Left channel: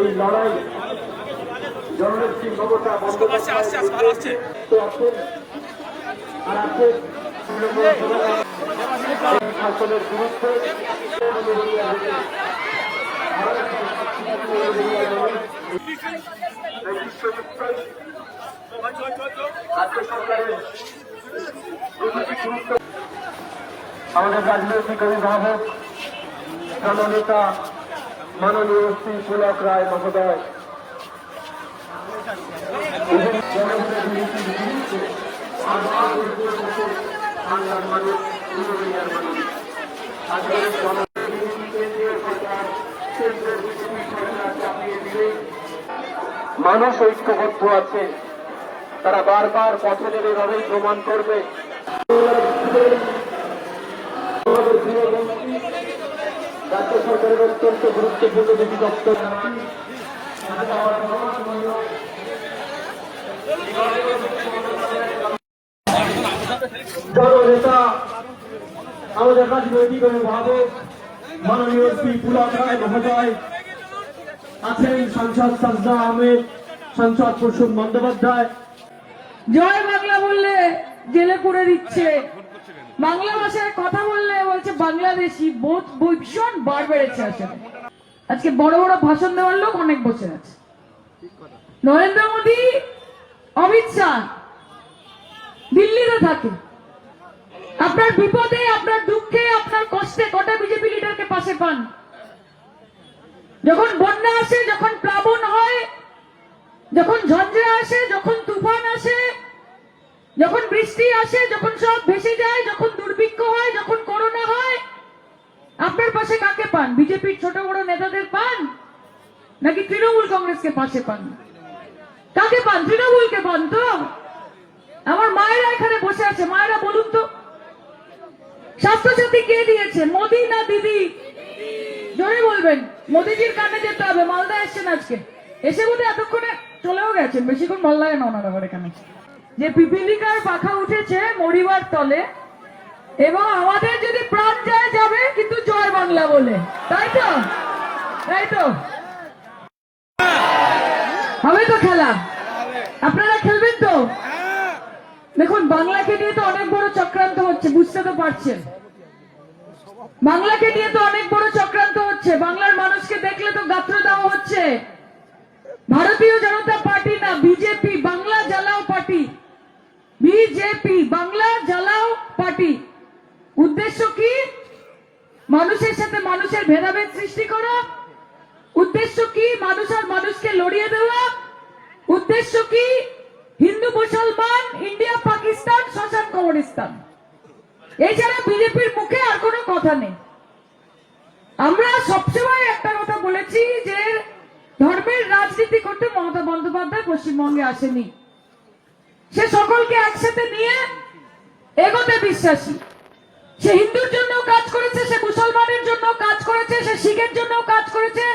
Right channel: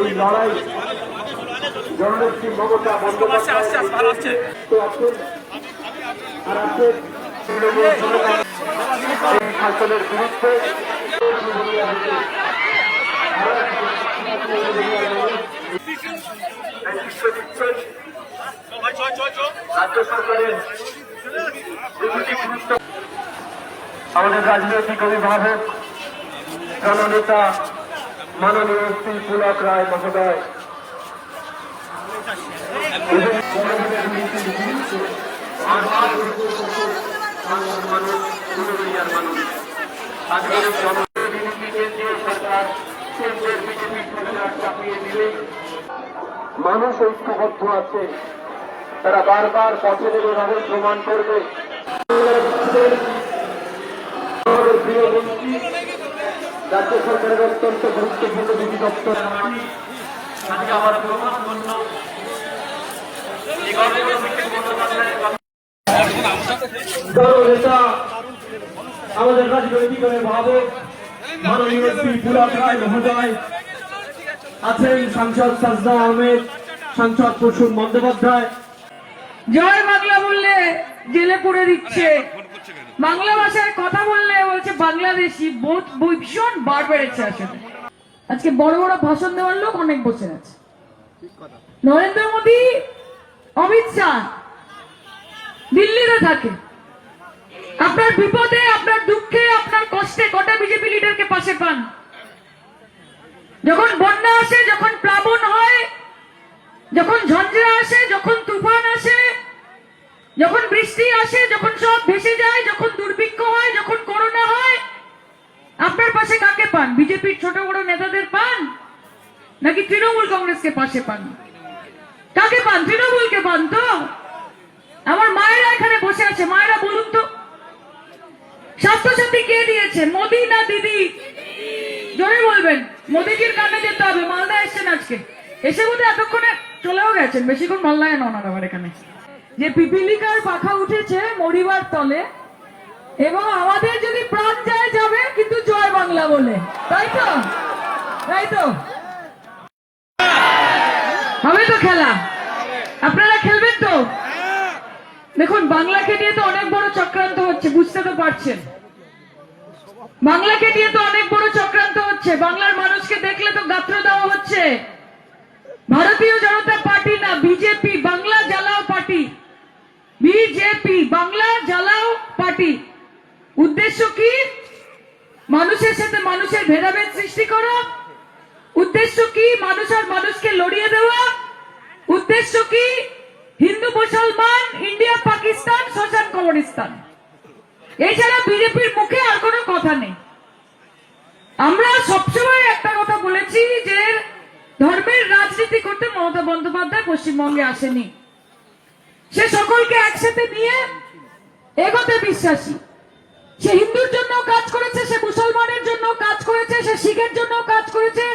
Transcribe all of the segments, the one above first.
এই লড়াই জননেত্রী মমতা বন্দ্যোপাধ্যায় শাসনের বিরুদ্ধে রাজ্য সরকারের আমাদের রাজনৈতিক অভিভাবক জননেতা মাননীয় শ্রী পুলক রায় মহোদয় বাংলার মানুষ পুরুলিয়ার মানুষ আজকের কেন্দ্রীয় সরকার কেন্দ্রের বিজেপি সরকার চাপিয়ে দিলে মানুষ ঐক্যবদ্ধ আছে, তারা বারবার পথে নেমে এভাবেই প্রমাণ করবে। রাজ্য সরকারের অত্যন্ত গুরুত্বপূর্ণ দুটি দপ্তর আজকে আমার প্রমাণপন্ন নেতা আমাদের রাজনৈতিক অভিভাবক মাননীয় শ্রী পুলক রায় মহোদয় আছেন, সাংসদ সাজদা আহমেদ, সাংসদ প্রসূন বন্দ্যোপাধ্যায়। জয় বাংলা বললে জেলে পড়ে দিচ্ছে, বাংলা ভাষায় কথা বললে বলছে বাংলাদেশি, ভীষণ বার বেড়েছে। আসলে আজকে বড় বড় ভাষণ দেওয়ার লোক অনেক বসে আছে, নরেন্দ্র মোদী, অমিত শাহ দিল্লিতে থাকে। আপনার বিপদে, আপনার দুঃখে, আপনার কষ্টে কটা বিজেপি লিডারকে পাশে পান? যখন বন্যা আসে, যখন প্লাবন হয়, যখন ঝঞ্ঝা আসে, যখন তুফান আসে, যখন বৃষ্টি আসে, যখন সব ভেসে যায়, যখন দুর্ভিক্ষ হয়, যখন করোনা হয়, আপনার পাশে কাকে পান? বিজেপির ছোট বড় নেতাদের পান নাকি তৃণমূল কংগ্রেসকে পাশে পান? কাকে পান? তৃণমূলকে পান তো। আমার মায়েরা এখানে বসে আছে, মায়েরা বলুন তো, স্বাস্থ্যসাথী কে দিয়েছে, মোদি না দিদি? জোরে বলবেন। মোদিজির কানে যেতে হবে। মালদা এসছেন আজকে, এসে বোধ এতক্ষণে চলেও গেছেন, বেশিক্ষণ মালদায় নন আবার এখানে। যে পিপিলিকার পাখা উঠেছে মরিবার তলে, এবং আমাদের যদি প্রাণ যায় যাবে, কিন্তু জয় বাংলা বলে, তাই তো? তাই তো হবে তো খেলা? আপনারা খেলবেন তো? দেখুন, বাংলাকে নিয়ে তো অনেক বড় চক্রান্ত হচ্ছে, বুঝতে তো পারছেন। বাংলাকে নিয়ে তো অনেক বড় চক্রান্ত হচ্ছে। বাংলার মানুষকে দেখলে তো গাত্র দেওয়া হচ্ছে। ভারতীয় জনতা পার্টি না, বিজেপি, বাংলা জ্বালাও পার্টি। বিজেপি, বাংলা জ্বালাও পার্টি। উদ্দেশ্য কি? মানুষের সাথে মানুষের ভেদাভেদ সৃষ্টি করা। উদ্দেশ্য কি? মানুষ আর মানুষকে লড়িয়ে দেওয়া। উদ্দেশ্য কি? হিন্দু মুসলমান, ইন্ডিয়া পাকিস্তান, শোষণ কবরস্থান। এছাড়া বিজেপির মুখে আর কোনো কথা নেই। আমরা সবসময় একটা কথা বলেছি যে ধর্মের রাজনীতি করতে মমতা বন্দ্যোপাধ্যায় পশ্চিমবঙ্গে আসেনি। সে সকলকে একসাথে নিয়ে এগোতে বিশ্বাসী। সে হিন্দুর জন্য কাজ করেছে, সে মুসলমানের জন্য কাজ করেছে, সে শিখের জন্য কাজ করেছে,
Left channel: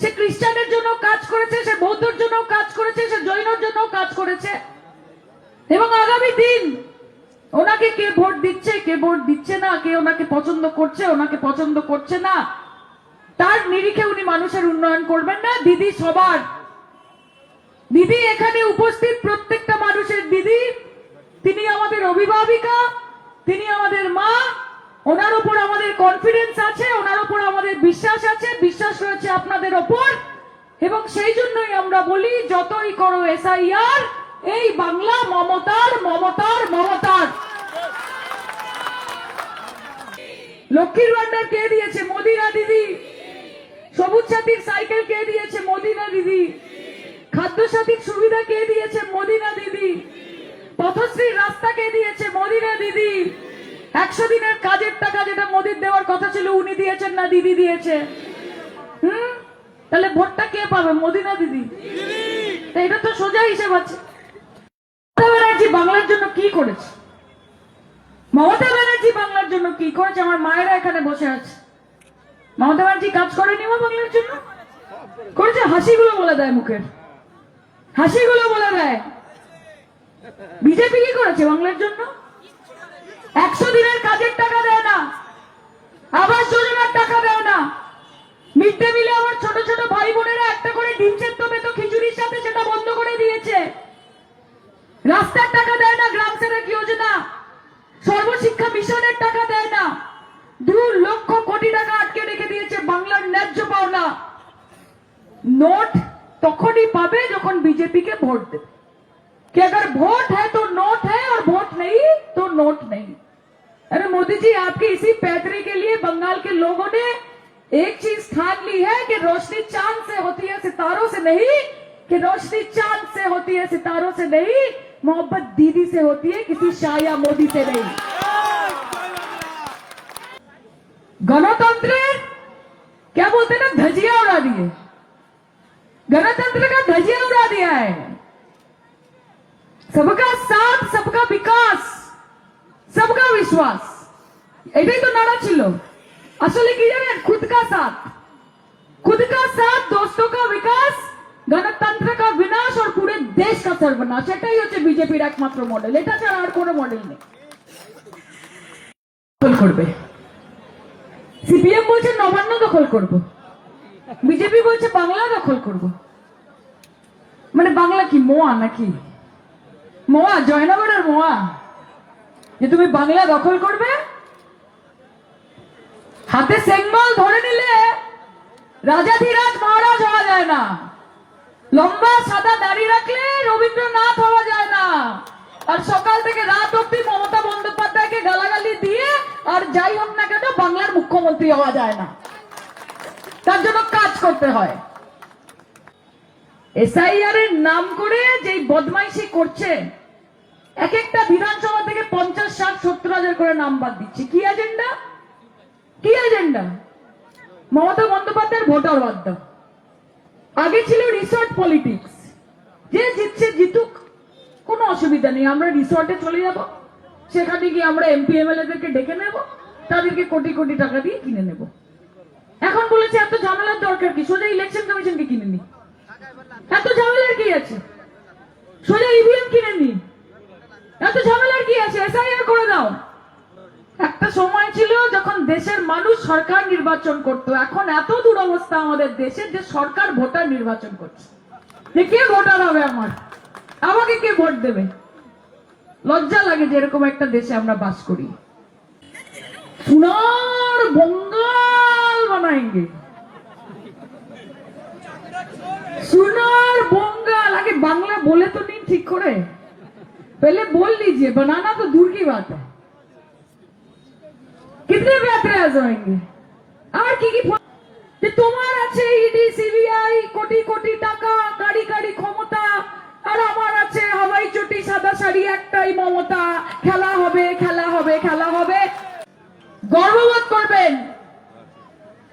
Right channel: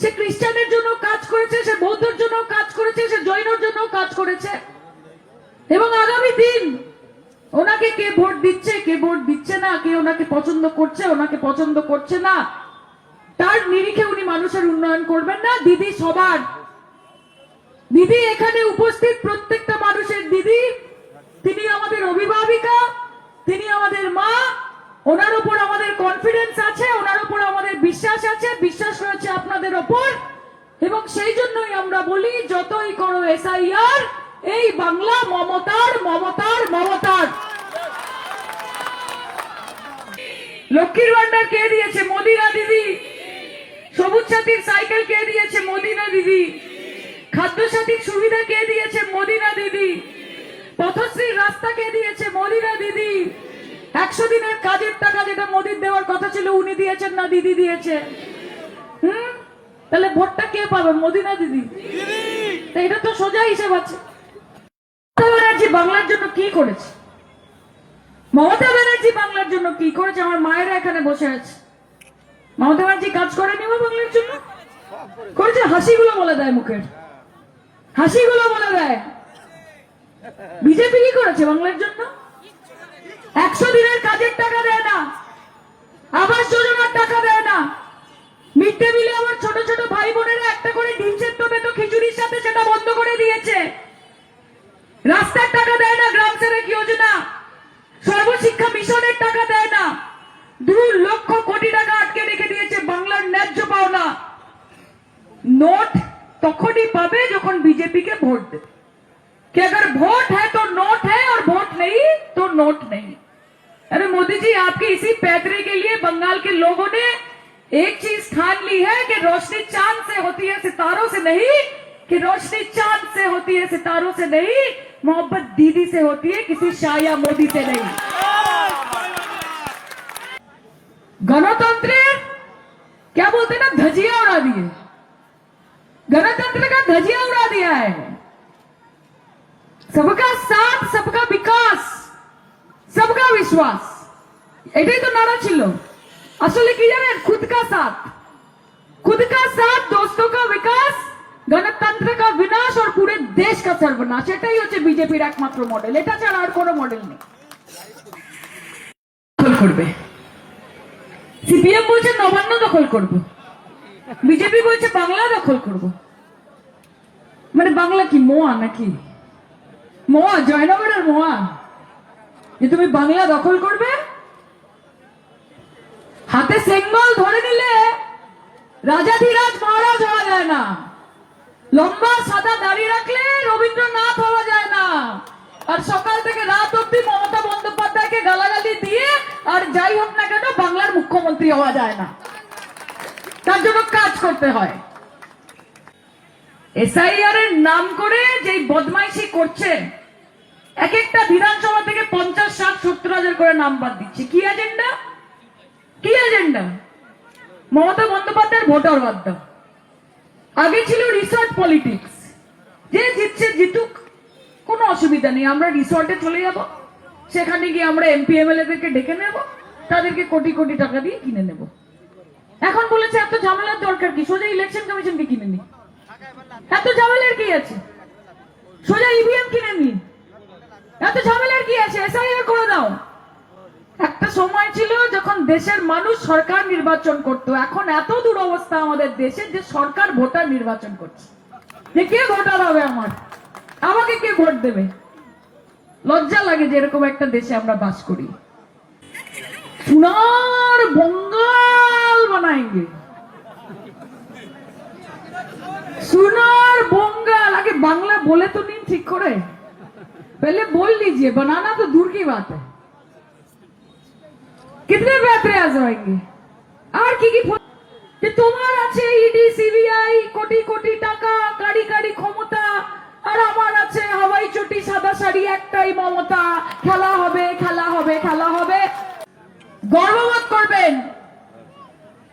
সে খ্রিস্টানের জন্য কাজ করেছে, সে বৌদ্ধর জন্য কাজ করেছে, সে জৈনর জন্য কাজ করেছে। এবং আগামী দিন ওনাকে কে ভোট দিচ্ছে, কে ভোট দিচ্ছে না, কে ওনাকে পছন্দ করছে, ওনাকে পছন্দ করছে না, তার নিরিখে উনি মানুষের উন্নয়ন করবেন না। দিদি সবার দিদি, এখানে উপস্থিত প্রত্যেকটা মানুষের দিদি। তিনি আমাদের অভিভাবিকা, তিনি আমাদের মা। ওনার উপর আমাদের কনফিডেন্স আছে, ওনার উপর আমাদের বিশ্বাস আছে, বিশ্বাস রয়েছে আপনাদের ওপর। এবং সেই জন্যই আমরা বলি, যতই করো এসআইআর, এই বাংলা মমতার, মমতার, মমতার। লক্ষ্মীর ভান্ডার কে দিয়েছে? মোদি না দিদি? সবুজ সাথীর সাইকেল কে দিয়েছে? মোদি না দিদি? খাদ্য সাথীর সুবিধা কে দিয়েছে? মোদি না দিদি? পথশ্রীর রাস্তা কে দিয়েছে? মোদি না দিদি? 100 দিনের কাজের টাকা যেটা মোদির দেওয়ার কথা ছিল, উনি দিয়েছেন না দিদি দিয়েছে? তাহলে ভোটটা কে পাবে, মোদি না দিদি? এটা তো সোজা হিসেব আছে। মমতা ব্যানার্জি বাংলার জন্য কি করেছে? মমতা ব্যানার্জি বাংলার জন্য কি করেছে? আমার মায়েরা এখানে বসে আছে। মমতা ব্যানার্জি কাজ করেনি বাংলার জন্য? করেছে। হাসিগুলো বলে দেয়, মুখের হাসিগুলো বলে দেয়। বিজেপি কি করেছে বাংলার জন্য? 100 দিনের কাজের টাকা দেয় না, আবাস লক্ষ কোটি টাকা আটকে রেখে দিয়েছে বাংলার ন্যায্য পাওনা। নোট তখনই পাবে যখন बीजेपी के वोट दे, कि अगर वोट है तो नोट है और वोट नहीं तो नोट नहीं। अरे मोदी जी, आपकी इसी पैतरे के लिए बंगाल के लोगों ने एक चीज ठान ली है कि रोशनी चांद से होती है सितारों से नहीं, कि रोशनी चांद से होती है सितारों से नहीं, मोहब्बत दीदी से होती है किसी शाह या मोदी से नहीं। गणतंत्र क्या बोलते हैं ना, धजिया उड़ा दिए, गणतंत्र का धजिया उड़ा दिया है। सबका साथ, सबका विकास, सबका विश्वास, এটাই তো নারা ছিল। আসলে কি জানেন, खुद का साथ, दोस्तों का विकास, गणतंत्र का विनाश और पूरे देश का सर्वनाश, এটাই হচ্ছে বিজেপির একমাত্র মডেল। এটা ছাড়া আর কোনো মডেল নেই। দখল করবে, সিপিএম বলছে নবান্ন দখল করব, বিজেপি বলছে বাংলা দখল করব। মানে বাংলা কি মোয়া নাকি? মোয়া, জয়নগরের মোয়া, যে তুমি বাংলা দখল করবে? হাতে সেঙ্গল ধরে নিলে রাজাধিরাজ মহারাজ হওয়া যায় না, লম্বা সাদা দাড়ি রাখলে রবীন্দ্রনাথ হওয়া যায় না, আর সকাল থেকে রাত অব্দি মমতা বন্দ্যোপাধ্যায়কে গালাগালি দিয়ে আর যাই হোক না কেন বাংলার মুখ্যমন্ত্রী হওয়া যায় না। তার জন্য কাজ করতে হয়। এসআইআর এর নাম করে যে বদমাইশি করছে, এক একটা বিধানসভা থেকে 50, 60, 70 হাজার করে নাম বাদ দিচ্ছে। কি এজেন্ডা? কি এজেন্ডা? মমতা বন্দ্যোপাধ্যায়ের ভোটার বাদ দাও। আগে ছিল রিসর্ট পলিটিক্স, যে জিতছে জিতুক, কোনো অসুবিধা নেই, আমরা রিসর্টে চলে যাব, সেখানে গিয়ে আমরা এমপি এমএলএ দেরকে ডেকে নেব, তাদেরকে কোটি কোটি টাকা দিয়ে কিনে নেব। এখন বলেছে এত ঝামেলার দরকার কি, সোজা ইলেকশন কমিশনকে কিনে নি, এত ঝামেলার কি আছে, সোজা ইভিএম কিনে নি, এত ঝামেলার কি আছে, এসআইআর করে দাও। একটা সময় ছিল যখন দেশের মানুষ সরকার নির্বাচন করত, এখন এত দুরবস্থা আমাদের দেশে যে সরকার ভোটার নির্বাচন করছে। যে কে ভোটার হবে আমার, আমাকে কে ভোট দেবে? লজ্জা লাগে যে এরকম একটা দেশে আমরা বাস করি। সোনার বঙ্গাল বানাएंगे, সোনার বঙ্গাल। আগে বাংলা বলে তো নিন ঠিক করে, पहले बोल लीजिए, बनाना तो दूर की बात है। कितने पैतरे आ जाएंगे? আর কি কি যে তোমার আছে ইডি সিবিআই, কোটি কোটি টাকা, গাড়ি গাড়ি ক্ষমতা, আর আমার আছে হাওয়াই চটি সাদা শাড়ি একটাই মমতা, খেলা হবে খেলা হবে খেলা হবে। গর্ববোধ করবেন,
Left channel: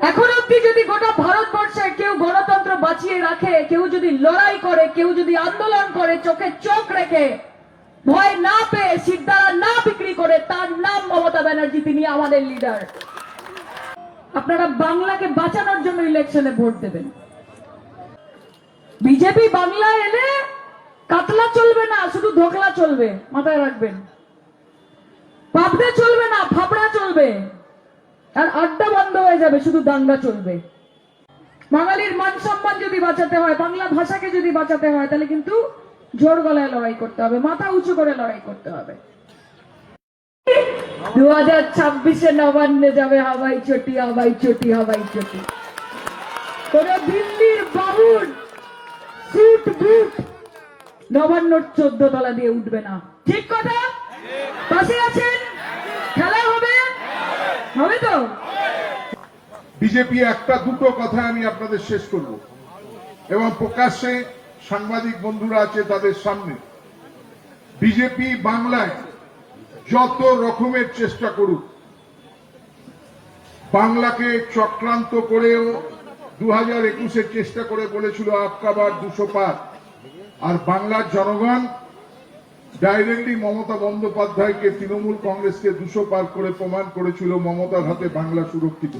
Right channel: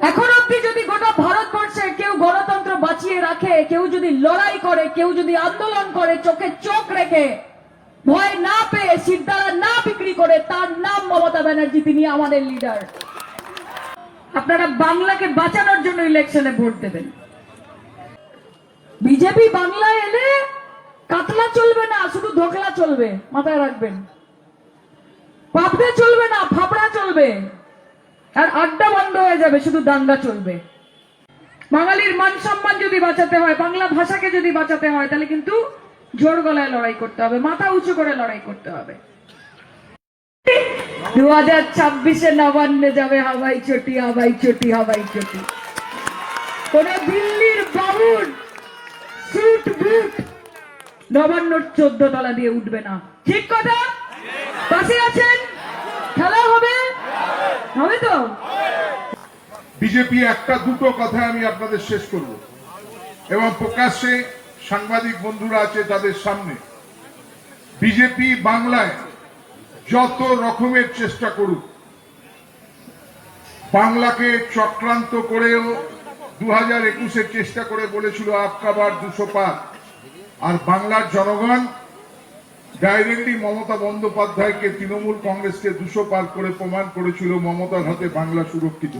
এখন অব্দি যদি গোটা ভারতবর্ষে কেউ গণতন্ত্র বাঁচিয়ে রাখে, কেউ যদি লড়াই করে, কেউ যদি আন্দোলন করে, চোখে চোখ রেখে, ভয় না পেয়ে, সিদ্ধারা না বিক্রি করে, তার নাম মমতা ব্যানার্জি, তিনি আমাদের লিডার। আপনারা বাংলাকে বাঁচানোর জন্য ইলেকশনে ভোট দেবেন। বিজেপি বাংলায় এলে কাতলা চলবে না, শুধু ধোকলা চলবে, মাথায় রাখবেন। পাবদা চলবে না, ফাপড়া চলবে, আর আড্ডা বন্ধ হয়ে যাবে, শুধু দাঙ্গা চলবে। বাঙালির মান সম্মান যদি বাঁচাতে হয়, বাংলা ভাষাকে যদি বাঁচাতে হয়, তাহলে কিন্তু জোর গলায় লড়াই করতে হবে, মাথা উঁচু করে লড়াই করতে হবে। 2026-এ নবান্নে যাবে হাওয়াই চটি, হাওয়াই চটি, হাওয়াই চটি। কোন দিল্লির বাবুর সুট বুট নবান্নর 14 তলা দিয়ে উঠবে না। ঠিক কথা? পাশে আছেন? খেলা হবে, হবে তো? বিজেপি একটা দুটো কথা আমি আপনাদের শেষ করব, এবং প্রকাশ্যে সাংবাদিক বন্ধুরা আছে তাদের সামনে। বিজেপি বাংলায় যত রকমের চেষ্টা করুক, বাংলাকে চক্রান্ত করেও 2021-এ চেষ্টা করে বলেছিল আপকা বার 200 পার, আর বাংলার জনগণ ডাইরেক্টলি মমতা বন্দ্যোপাধ্যায়কে, তৃণমূল কংগ্রেসকে 200 পার করে প্রমাণ করেছিল মমতার হাতে বাংলা সুরক্ষিত।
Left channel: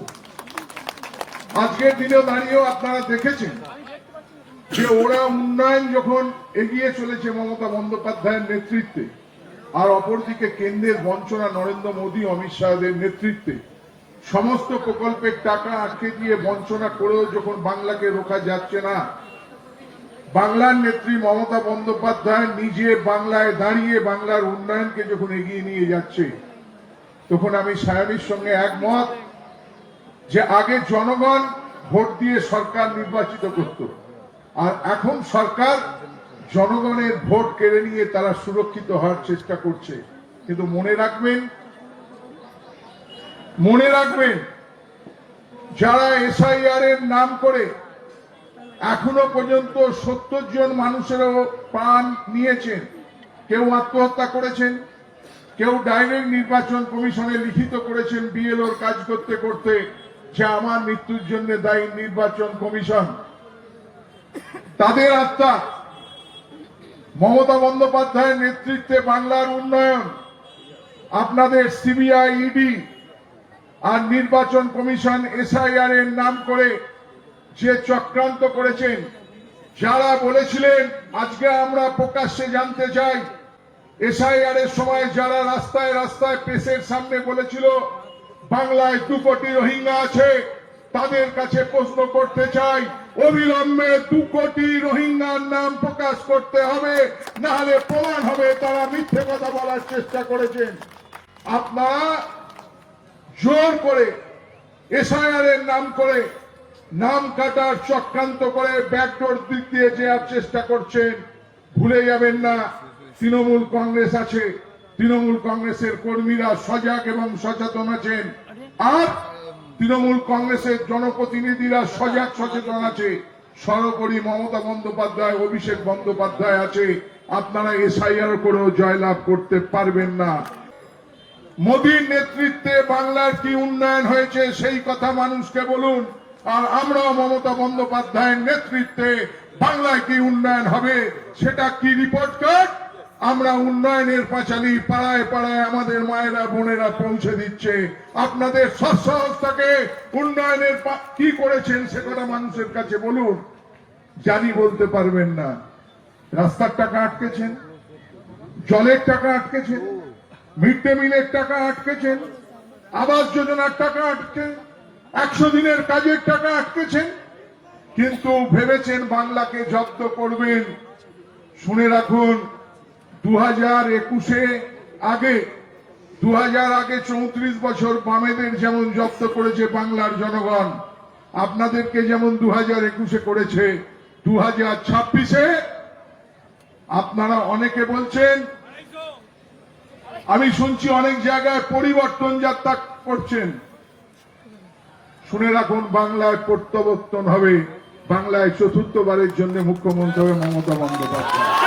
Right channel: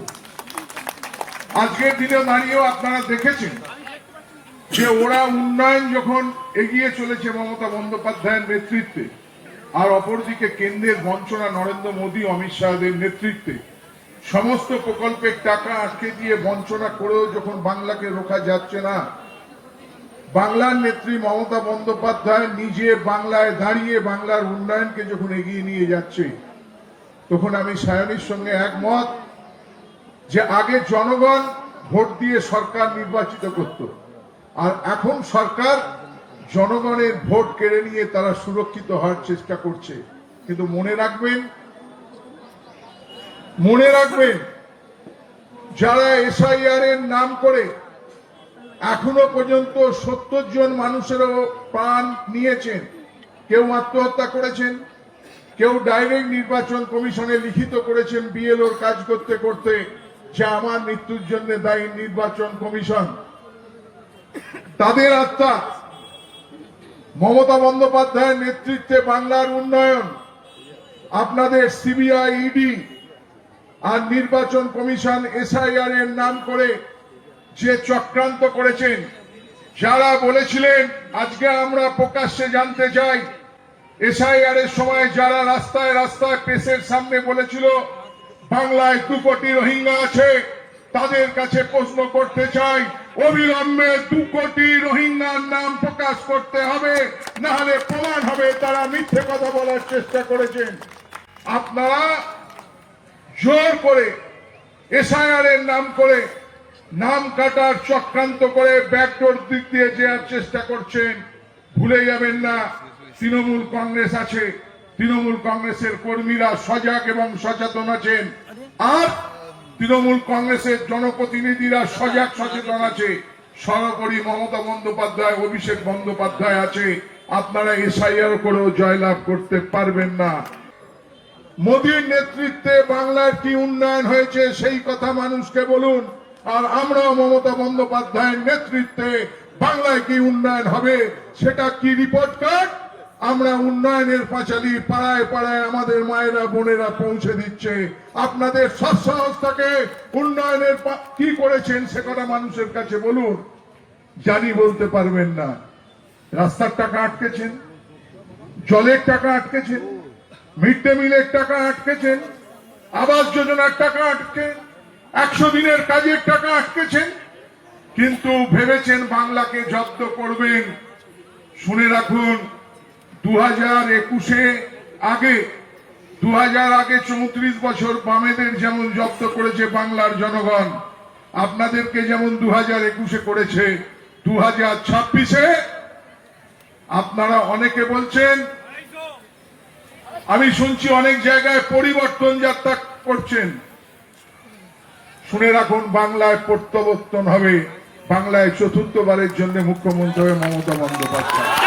আজকের দিনে দাঁড়িয়েও আপনারা দেখেছেন যে ওরা উন্নয়ন যখন এগিয়ে চলেছে মমতা বন্দ্যোপাধ্যায়ের নেতৃত্বে, আর অপরদিকে কেন্দ্রের বঞ্চনা নরেন্দ্র মোদী, অমিত শাহের নেতৃত্বে সমস্ত প্রকল্পের টাকা আটকে দিয়ে বঞ্চনা করেও যখন বাংলাকে রোখা যাচ্ছে না, বাংলার নেত্রী মমতা বন্দ্যোপাধ্যায় নিজে বাংলায় দাঁড়িয়ে বাংলার উন্নয়নকে যখন এগিয়ে নিয়ে যাচ্ছে, তখন আমি সায়নীর সঙ্গে একমত যে আগে জনগণ ভোট দিয়ে সরকার নির্বাচিত করত, আর এখন সরকার জনগণের ভোট কেড়ে নিয়ে তারা সুরক্ষিত হওয়ার চেষ্টা করছে। কিন্তু মনে রাখবেন যারা এসআইআর এর নাম করে এখনো পর্যন্ত 70 জন মানুষেরও প্রাণ নিয়েছেন, কেউ আত্মহত্যা করেছেন, কেউ ডাইরেক্ট নির্বাচন কমিশনে লিখিত করেছেন বিএলওর কাজ করতে করতে যে আমার মৃত্যুর জন্য দায়ী নির্বাচন কমিশন। তাদের আত্মা মমতা বন্দ্যোপাধ্যায়ের নেতৃত্বে বাংলার উন্নয়ন, আপনাদের সিবিআই, ইডি আর নির্বাচন কমিশন এসআইআর এর নাম করে যে চক্রান্ত করেছেন, যারা বলেছিলেন, আজকে আমরা প্রকাশ্যে জানতে চাই, এসআইআর এর সময় যারা রাস্তায় রাস্তায় প্রেসের সামনে বলেছিল বাংলায় 2 কোটি রোহিঙ্গা আছে, তাদের কাছে প্রশ্ন করতে চাই, অবিলম্বে 2 কোটি রোহিঙ্গার নাম প্রকাশ করতে হবে, না হলে প্রমাণ হবে তারা মিথ্যে কথা বলার চেষ্টা করেছেন। আপনারা জোর করে এসআইআর এর নাম করে নাম কাটার চক্রান্ত করে ব্যাকডোর দিক দিয়ে যাওয়ার চেষ্টা করছেন। ভুলে যাবেন না তৃণমূল কংগ্রেস আছে, তৃণমূল কংগ্রেসের কর্মীরা সজাগ এবং সচেতন আছেন, আর তৃণমূল কংগ্রেসের জনপ্রতিনিধিরা সজাগ সচেতন আছে। সর্বোপরি মমতা বন্দ্যোপাধ্যায়, অভিষেক বন্দ্যোপাধ্যায় আছে। আপনারা এসআইআর করেও জয়লাভ করতে পারবেন না। মোদীর নেতৃত্বে বাংলার কি উন্নয়ন হয়েছে সেই কথা মানুষকে বলুন, আর আমরাও মমতা বন্দ্যোপাধ্যায়ের নেতৃত্বে বাংলায় কি উন্নয়ন হবে সেটা কি রিপোর্ট কার্ড আমরা উন্নয়নের পাঁচালী পাড়ায় পাড়ায় আমাদের মায়েরা বোনেরা পৌঁছে দিচ্ছে। আপনাদের স্বচ্ছতাকে উন্নয়নের কি করেছেন সে কথা মানুষের কাছে বলুন। জানি বলতে পারবেন না। রাস্তার টাকা আটকেছেন, জলের টাকা আটকেছেন, মিড ডে মিলের টাকা আটকেছেন, আবাস যোজনার টাকা আটকে, 100 দিনের কাজের টাকা আটকেছেন, কিন্তু ভেবেছেন বাংলাকে জব্দ করবেন। শুনে রাখুন, 2021 আগে 34 বছর বামেদের যেমন জব্দ করেছে বাংলার জনগণ, আপনাদেরকে যেমন 2021 করেছে, 2026 আপনারা অনেকে বলছেন, আমি শুনছি অনেক জায়গায় পরিবর্তন যাত্রা করছেন। শুনে রাখুন, বাংলায় প্রত্যাবর্তন হবে, বাংলায় চতুর্থবারের জন্য মুখ্যমন্ত্রী হবে মমতা বন্দ্যোপাধ্যায়।